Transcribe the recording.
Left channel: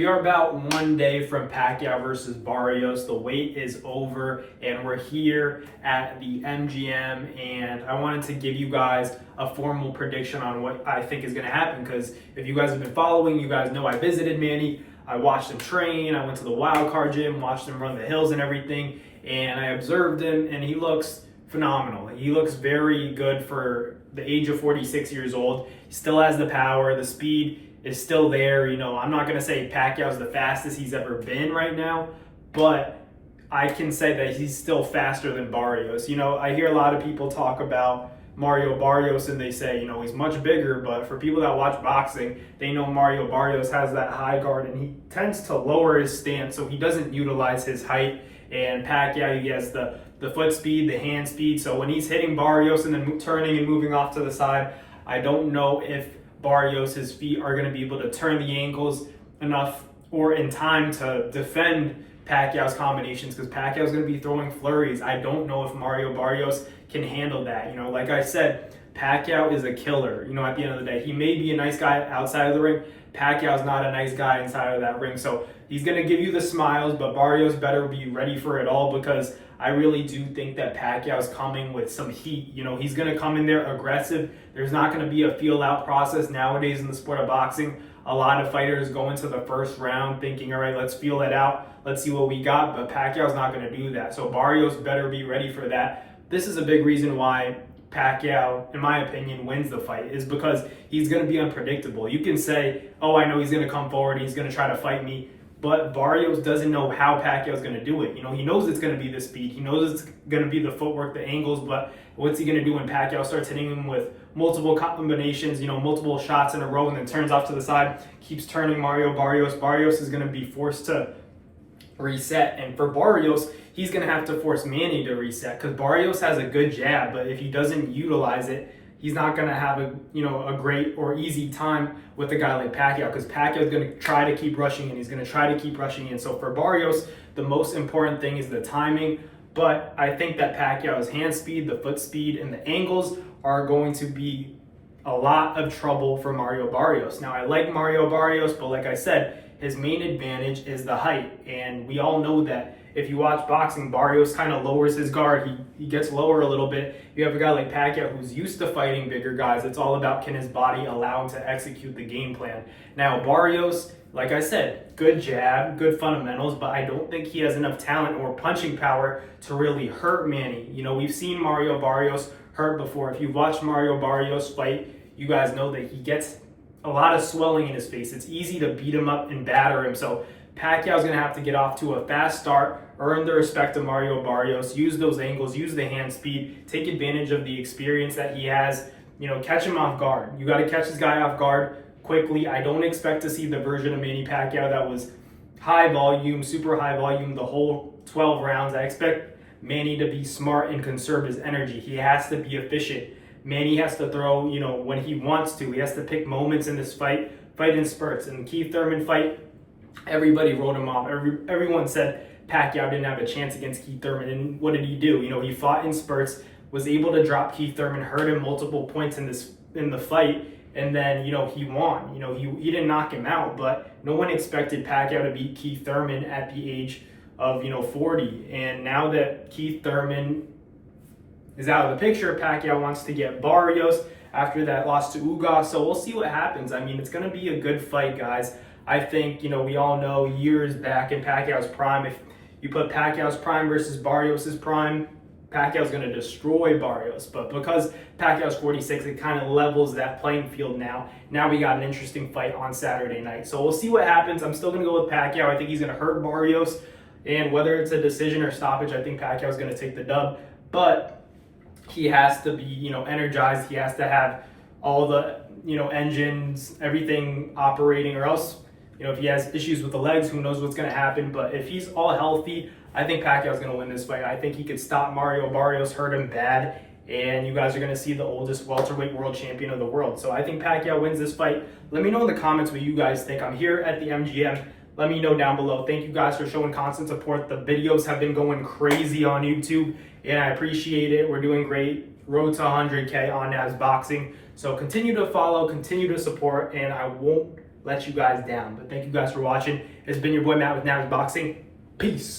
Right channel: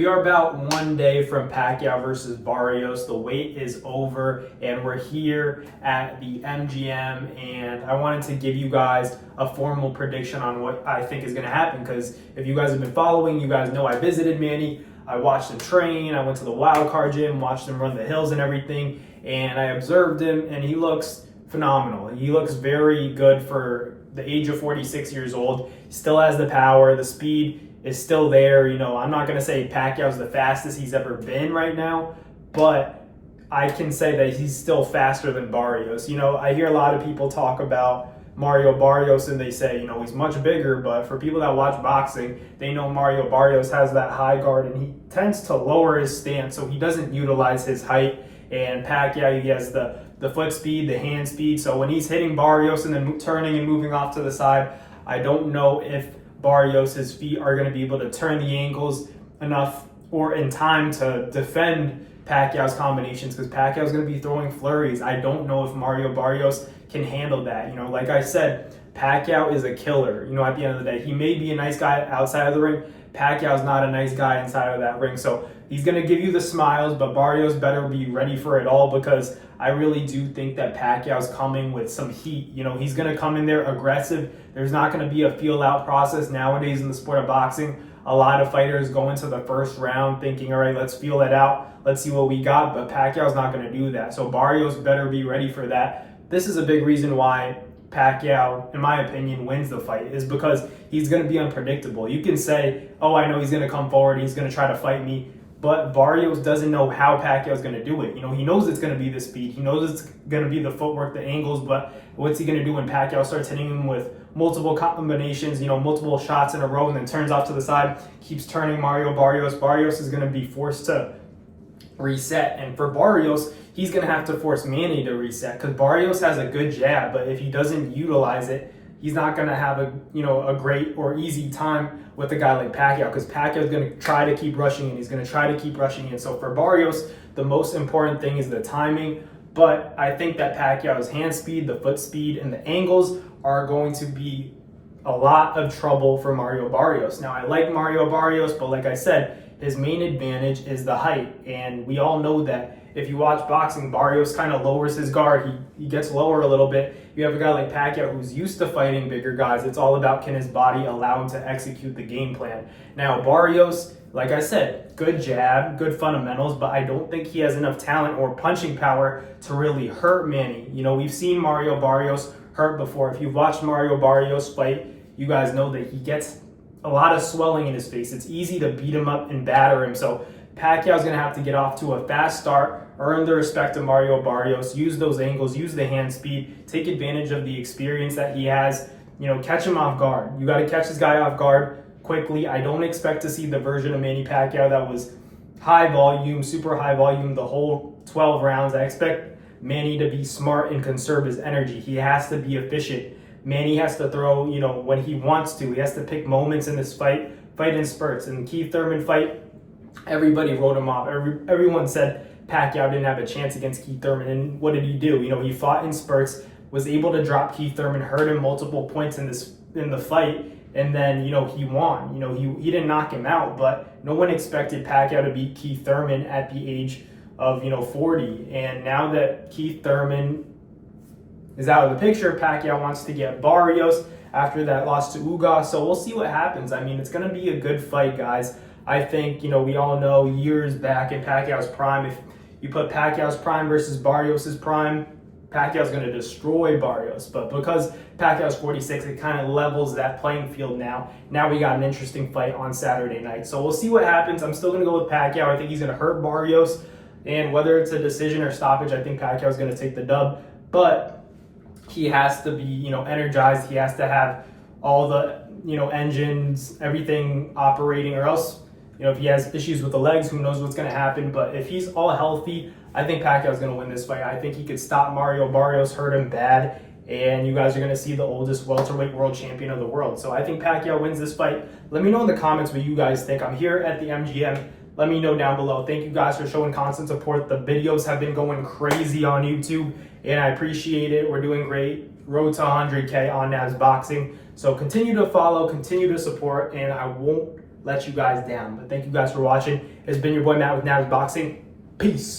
We are about 1 day from Pacquiao versus Barrios. The wait is over and we're here at the MGM, and I wanted to give you guys a formal prediction on what I think is going to happen, because if you guys have been following, you guys know I visited Manny. I watched him train. I went to the wild card gym, watched him run the hills and everything, and I observed him, and he looks phenomenal. He looks very good for the age of 46 years old. He still has the power, the speed is still there. You know, I'm not going to say Pacquiao's the fastest he's ever been right now, but I can say that he's still faster than Barrios. You know, I hear a lot of people talk about Mario Barrios and they say, you know, he's much bigger, but for people that watch boxing, they know Mario Barrios has that high guard and he tends to lower his stance, so he doesn't utilize his height. And Pacquiao, he has the foot speed, the hand speed, so when he's hitting Barrios and then turning and moving off to the side, I don't know if Barrios' feet are going to be able to turn the ankles enough or in time to defend Pacquiao's combinations, because Pacquiao's going to be throwing flurries. I don't know if Mario Barrios can handle that. You know, like I said, Pacquiao is a killer. You know, at the end of the day, he may be a nice guy outside of the ring. Pacquiao's not a nice guy inside of that ring. So he's going to give you the smiles, but Barrios better be ready for it all, because I really do think that Pacquiao's coming with some heat. You know, he's going to come in there aggressive. There's not going to be a feel-out process nowadays in the sport of boxing. A lot of fighters go into the first round thinking, all right, let's feel that out. Let's see what we got. But Pacquiao's not going to do that. So Barrios better be ready for that. This is a big reason why Pacquiao, in my opinion, wins the fight, is because he's going to be unpredictable. You can say, oh, I know he's going to come forward, he's going to try to fight me, but Barrios doesn't know how Pacquiao's going to do it. You know, he knows it's going to be the speed, he knows it's going to be the footwork, the angles, but what's he going to do when Pacquiao starts hitting him with multiple combinations, you know, multiple shots in a row, and then turns off to the side, keeps turning Mario Barrios? Barrios is going to be forced to reset, and for Barrios, he's going to have to force Manny to reset, because Barrios has a good jab, but if he doesn't utilize it, he's not going to have a great or easy time with a guy like Pacquiao, because Pacquiao is going to try to keep rushing in. He's going to try to keep rushing in. So for Barrios, the most important thing is the timing, but I think that Pacquiao's hand speed, the foot speed, and the angles are going to be a lot of trouble for Mario Barrios. Now, I like Mario Barrios, but like I said, his main advantage is the height, and we all know that. If you watch boxing, Barrios kind of lowers his guard. He gets lower a little bit. You have a guy like Pacquiao who's used to fighting bigger guys. It's all about, can his body allow him to execute the game plan. Now, Barrios, like I said, good jab, good fundamentals, but I don't think he has enough talent or punching power to really hurt Manny. You know, we've seen Mario Barrios hurt before. If you've watched Mario Barrios fight, you guys know that he gets a lot of swelling in his face. It's easy to beat him up and batter him. So Pacquiao's going to have to get off to a fast start, earn the respect of Mario Barrios, use those angles, use the hand speed, take advantage of the experience that he has, you know, catch him off guard. You got to catch this guy off guard quickly. I don't expect to see the version of Manny Pacquiao that was high volume, super high volume the whole 12 rounds. I expect Manny to be smart and conserve his energy. He has to be efficient. Manny has to throw, you know, when he wants to. He has to pick moments in this fight in spurts. In the Keith Thurman fight, everybody wrote him off. Everyone said Pacquiao didn't have a chance against Keith Thurman, and what did he do? You know, he fought in spurts, was able to drop Keith Thurman, hurt him multiple points in the fight, and then, you know, he won. You know, he didn't knock him out, but no one expected Pacquiao to beat Keith Thurman at the age of, 40. And now that Keith Thurman is out of the picture, Pacquiao wants to get Barrios after that loss to Ugas, so we'll see what happens. I mean, it's going to be a good fight, guys. I think, we all know years back in Pacquiao's prime, if you put Pacquiao's prime versus Barrios' prime, Pacquiao's going to destroy Barrios. But because Pacquiao's 46, it kind of levels that playing field now. Now we got an interesting fight on Saturday night. So we'll see what happens. I'm still going to go with Pacquiao. I think he's going to hurt Barrios. And whether it's a decision or stoppage, I think Pacquiao's going to take the dub. But he has to be, energized. He has to have all the, engines, everything operating, or else, if he has issues with the legs, who knows what's going to happen. But if he's all healthy, I think Pacquiao's going to win this fight. I think he could stop Mario Barrios, hurt him bad, and you guys are going to see the oldest welterweight world champion of the world. So I think Pacquiao wins this fight. Let me know in the comments what you guys think. I'm here at the MGM. Let me know down below. Thank you guys for showing constant support. The videos have been going crazy on YouTube, and I appreciate it. We're doing great. Road to 100K on Nabs Boxing. So continue to follow, continue to support, and I won't let you guys down. But thank you guys for watching. It's been your boy Matt with Navs Boxing. Peace.